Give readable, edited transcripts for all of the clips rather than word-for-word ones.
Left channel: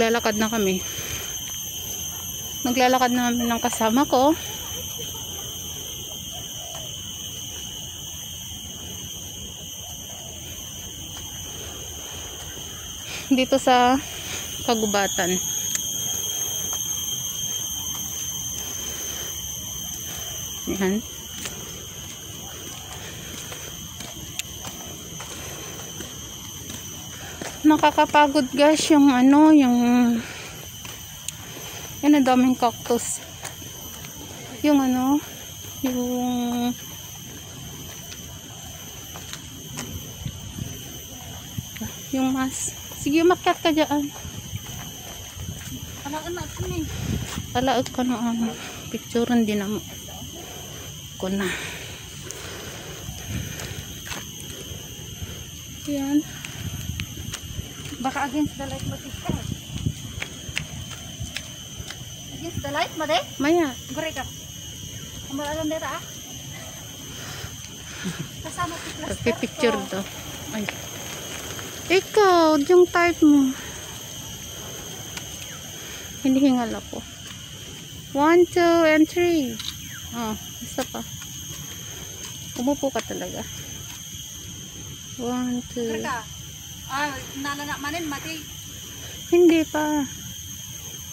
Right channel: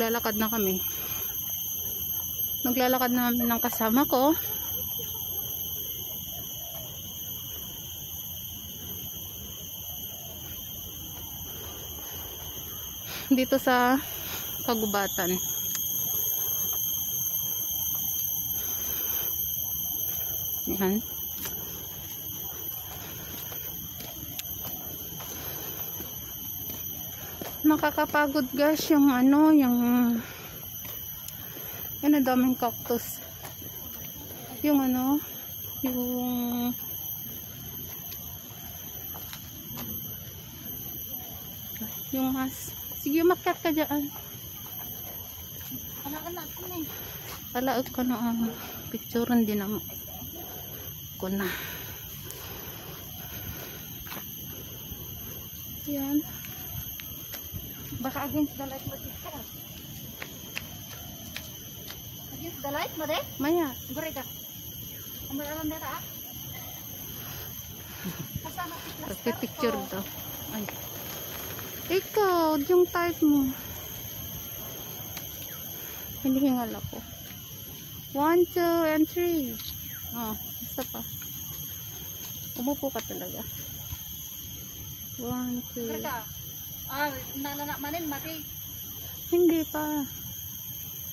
Maglalakad na kami. Maglalakad na kami ng kasama ko. Dito sa Kagubatan. Yan. Nakakapagod guys yung ano, yung yan, ang daming cactus. Yung ano, yung mas. Sige, umakyat ka dyan. Alaon na sini. Alaon ka na. Picturean din mo. Ko na. Yan. Baka against the light matista. Against the light, made? Maya. Guri ka. Amalaon dito ah. Kasama si picture daw. Ay. Ikaw, yung type mo. Hindi hingal ako. 1, 2, and 3. Oh, isa pa. Umupo ka talaga. 1, 2. Ah, nalana manin mati. Hindi pa.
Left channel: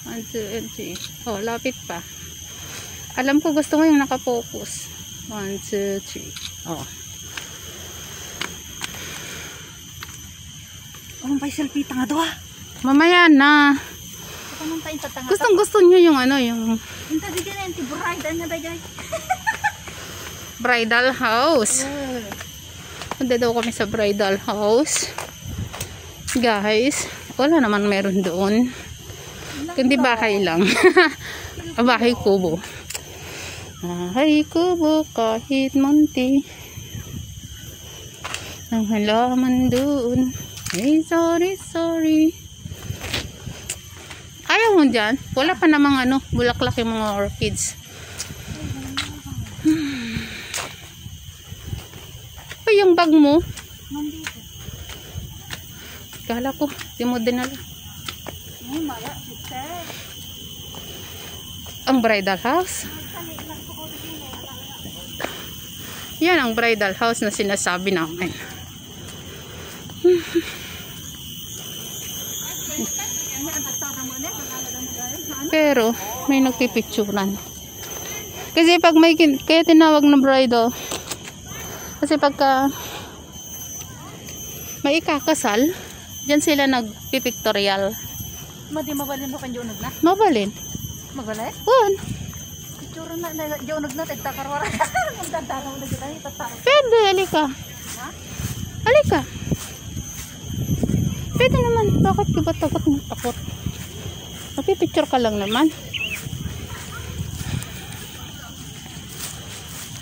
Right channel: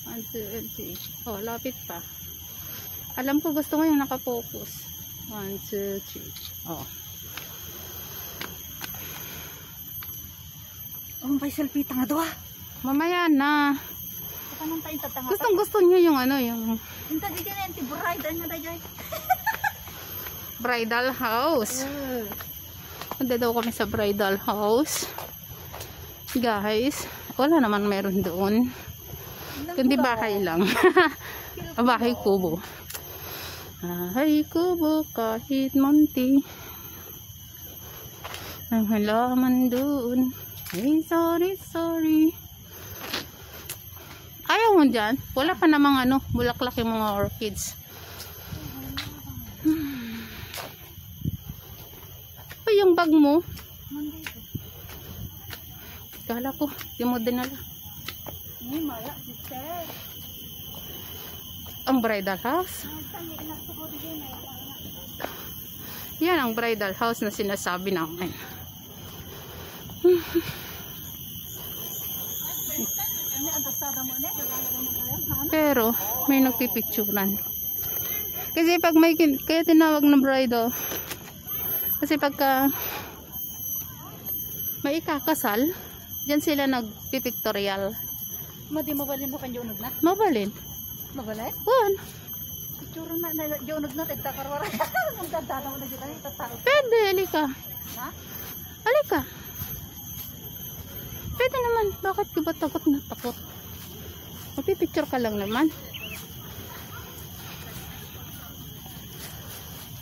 1, 2, and 3. Oh, lapit pa. Alam ko gusto mo yung nakapokus. 1, 2, 3. Oh. May selfie tanga doa. Mamaya na. Tanga. Gustong gusto niyo yung ano, yung Inta di din anti bride na dayay. bridal house. Punta daw kami sa bridal house. Guys, wala naman meron doon. Kundi bahay lang. Bahay kubo. Bahay kubo kahit munti. Ang halaman doon. Hey, sorry. Ayaw mo dyan. Wala pa namang ano, bulaklak yung mga orchids. Ay, yung bag mo. Nandito. Kala ko, di mo dinala. Maya, sister. Ang bridal house. Yan ang bridal house na sinasabi namin. Pero may nagpipicturan. Kasi pag may kaya tinawag na bridal, kasi pagka may ikakasal, diyan sila nagpipictorial. Madi mabalin mo kan jonog na? Mabalin. Mabalin? Wan. Picturean na jonog na tagtakarwara. Ang tantara mo na kita ni tataro. Pwede, halika. Ha? Halika. Pwede naman. Bakit ka ba takot na takot? Magpipicture ka lang naman.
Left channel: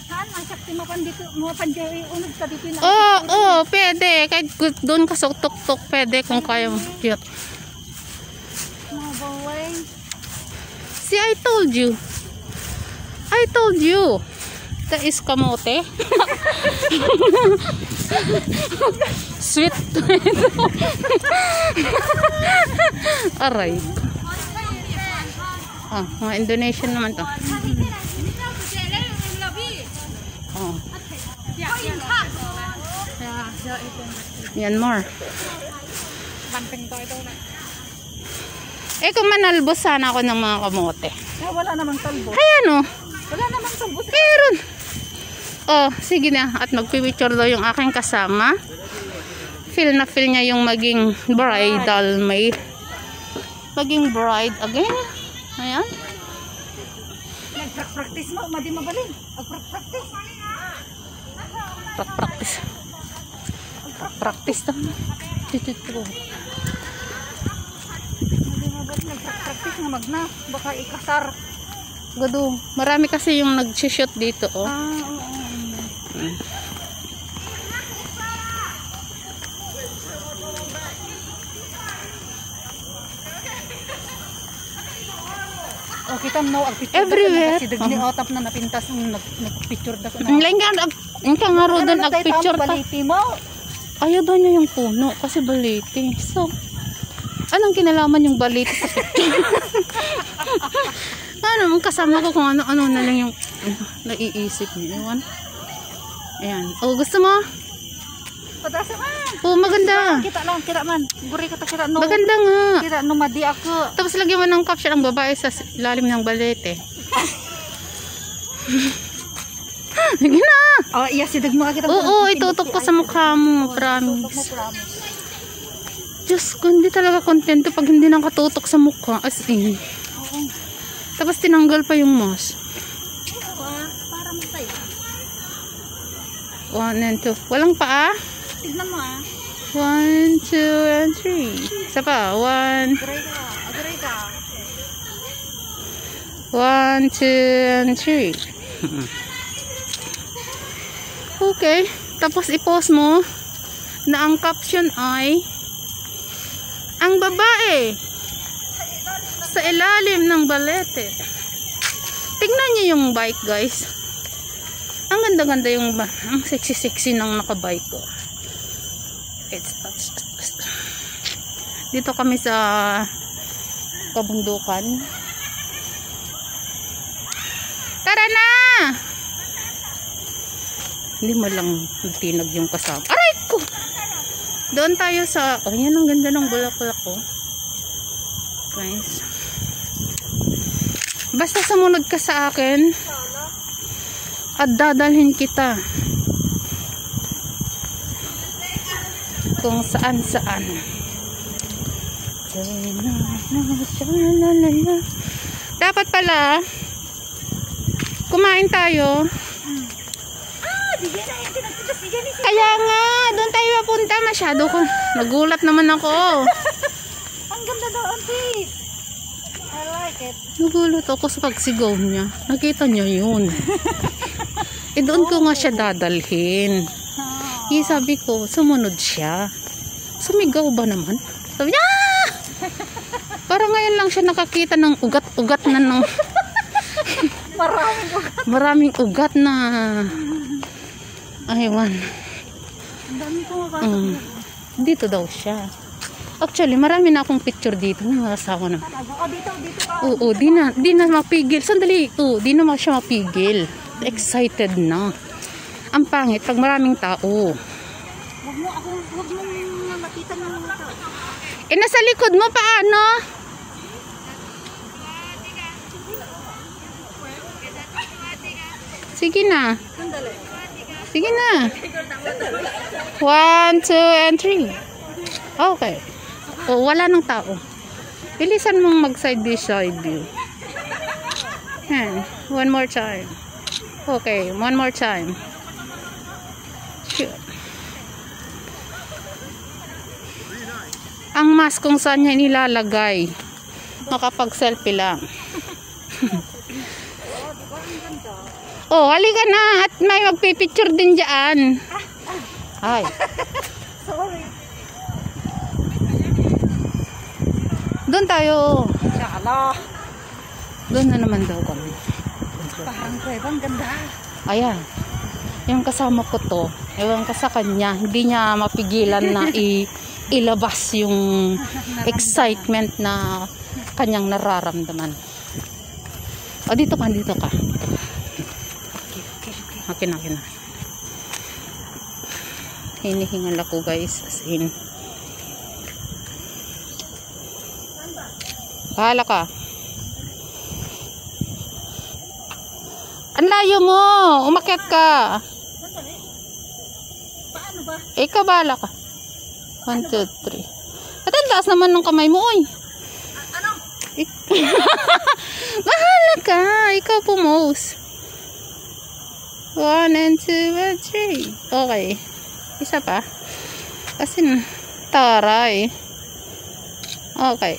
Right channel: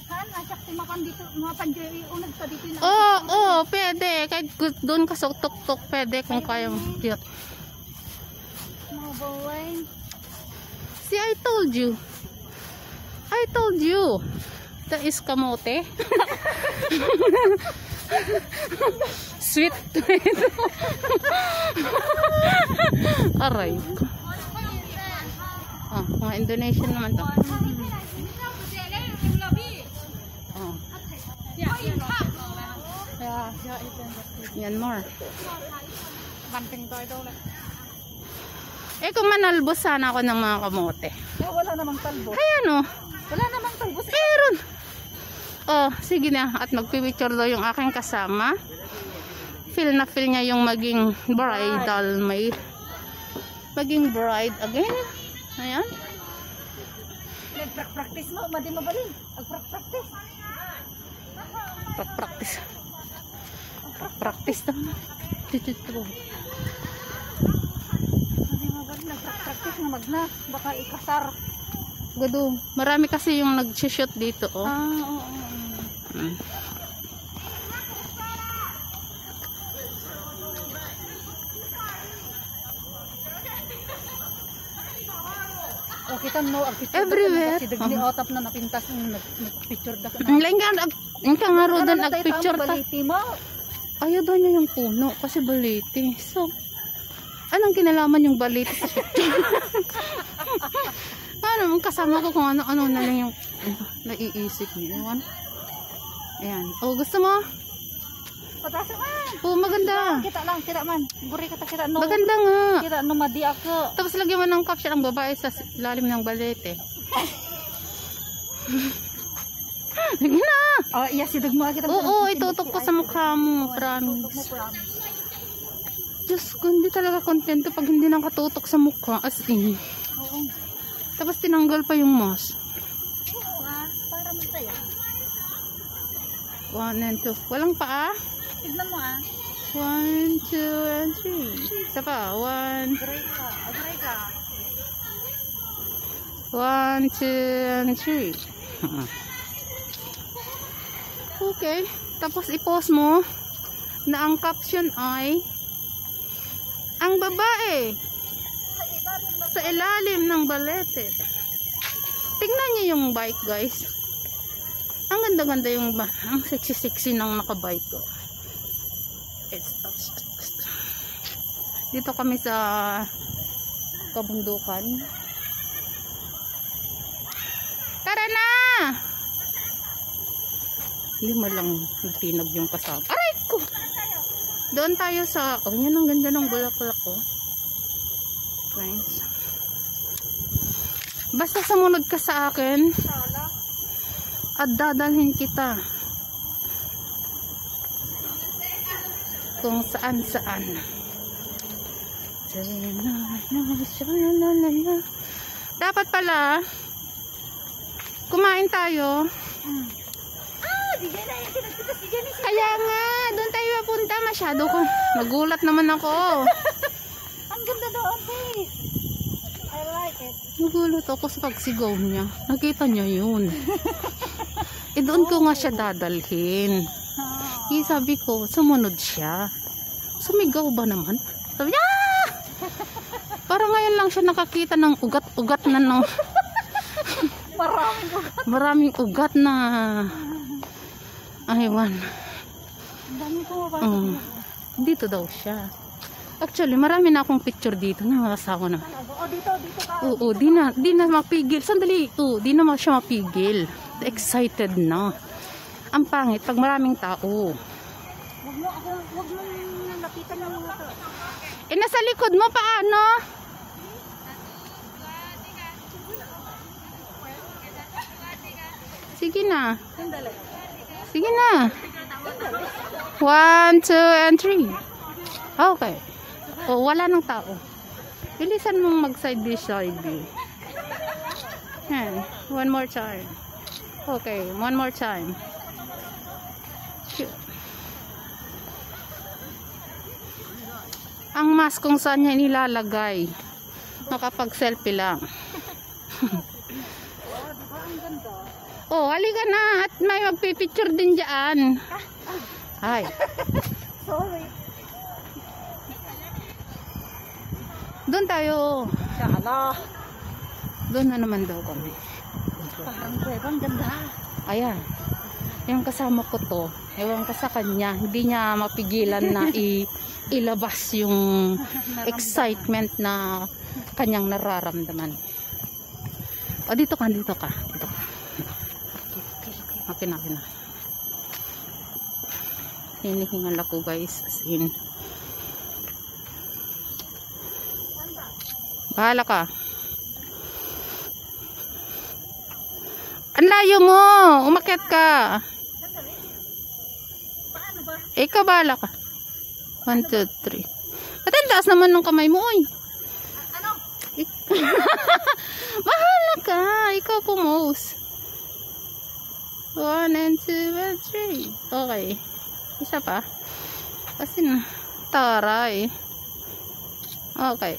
Saan? Masakti mo pan dito. Mga panjari unag sa dito na. Oo, pwede. Kahit doon ka sa tuk-tuk, pwede kung kaya mo. Cute. Mabaway. See, I told you. That is kamote. Sweet. Aray ko. Mga Indonesian naman to. Myanmar. Kung manalbos sana ako ng mga kamote. Wala namang talbo. Ay, ano? Wala namang talbo. Meron. Oh, sige na. At magpipicture daw yung aking kasama. Feel na feel niya yung maging bridal maid. Maging bride again. Ayan. Nag-practice mo. Madi mabalin. Nag-practice. Practice naman. Madi mabalin. Nag-practice mo magna. Baka ikasar. Gado. Marami kasi yung nag-shoot dito. Oh. Oo. Kita mo ang picture everywhere. Kasi dagni otap na napintas nag-picture da Ang ka nga ro doon nag-picture ta. Baliti mo. Ayaw doon niya yung puno kasi baliti. So, Anong kinalaman yung balit sa ano, kasama ko kung ano-ano na lang yung naiisip niya. Ewan. Ayan. Oh, gusto mo? Patasa man. Oh, maganda. Kita man. Guri kata kita no. Maganda nga. Kita no madi ako. Tapos lagyan mo ng caption ang babae sa ilalim ng balete. Sige na. Oh, iya si dagmo kita. Oo, itutok ko sa mukha mo. Promise. Diyos ko, hindi talaga kontento pag hindi nang katutok sa mukha. As in. Tapos tinanggal pa yung mask. Para masaya. 1 and 2. Walang paa? Tignan mo 1, 2, and 3. Isa pa. 1, Agray ka. 1, 2, and 3. Okay. Tapos i-post mo na ang caption ay ang babae sa ilalim ng balete. Tignan niyo yung bike, guys. Ang ganda-ganda yung ang sexy-sexy ng nakabike ko. Dito kami sa kabundukan. Tara na! Hindi mo lang tinag yung kasama. Aray ko! Doon tayo sa... Oh, yan ang ganda ng bulaklak ko. Nice. Basta sumunod ka sa akin at dadalhin kita kung saan-saan. Dapat pala kumain tayo. Kaya nga, doon tayo mapunta. Masyado ko. Nagulat naman ako. Ang ganda daw, auntie. I like it. Nagulat ako sa pagsigaw niya. Nakita niya yun. Doon ko nga siya dadalhin. Sabi ko, sumunod siya. Sumigaw ba naman? Sabi niya, ah! Parang ngayon lang siya nakakita ng ugat-ugat na no. Maraming ugat na. Aywan. Ang dami ko mapasok. Dito daw siya. Actually, marami na akong picture dito. Nakasawa na. Dito ka. Oo, di na mapigil. Sandali. Oo, di na siya mapigil. Excited na. Ang pangit pag maraming tao. Huwag mo nakita niyo ito. Nasa likod mo paano? Sige na. Sige na. 1, 2, and 3. Okay. Oh, wala nang tao. Bilisan mong mag side by side view. Yan. One more time. Okay, one more time. Shoot. Ang mask kung saan niya nilalagay. Makapag-selfie lang. Oh, halika na at may magpipicture din dyan. Ay. Sorry. Doon tayo. Doon na naman daw kami. Ang ganda. Ayan. Yung kasama ko to, ewan ko sa kanya, hindi niya mapigilan na ilabas yung excitement na kanyang nararamdaman. O, dito ka. Akin na. Hinihingal ako, guys. As in. Bahala ka. Ang layo mo! Umakyat ka! Paano ba? Ikaw, bahala ka. 1, 2, 3. At ang taas naman ng kamay mo, oy. Ano? Bahala ka! Ikaw pumose. 1 and 2 and 3. Okay. Isa pa. Kasi taray. Okay.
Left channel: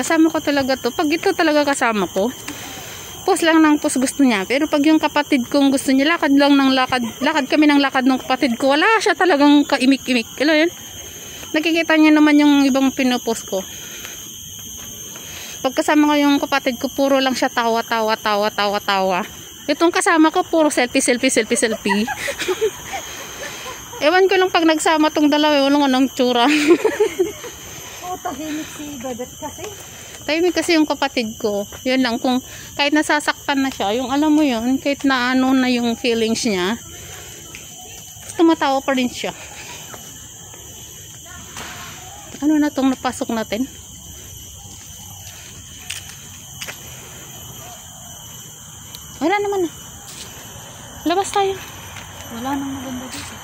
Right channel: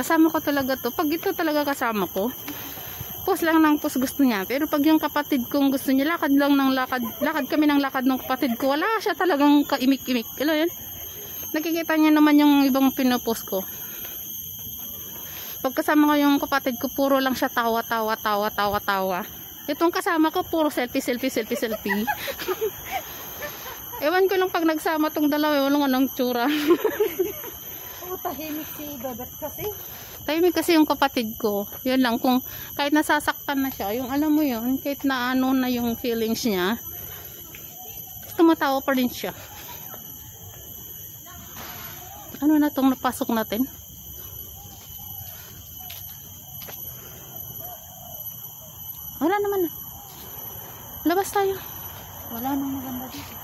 Kasama ko talaga to. Pag ito talaga kasama ko, post lang ng post gusto niya. Pero pag yung kapatid kong gusto niya, lakad kami ng lakad ng kapatid ko. Wala siya talagang kaimik-imik. Alam yan? Nakikita niya naman yung ibang pinopost ko. Pag kasama ko yung kapatid ko, puro lang siya tawa. Itong kasama ko, puro selfie. Ewan ko lang pag nagsama tong dalawa, walang anong tsura. Oo, tahimik si Bebet kasi. Tahimik kasi yung kapatid ko. Yan lang, kung kahit nasasaktan na siya, yung alam mo yun, kahit na ano na yung feelings niya, tumatawa pa rin siya. Ano na tong napasok natin? Wala naman na. Labas tayo. Wala nang maganda dito.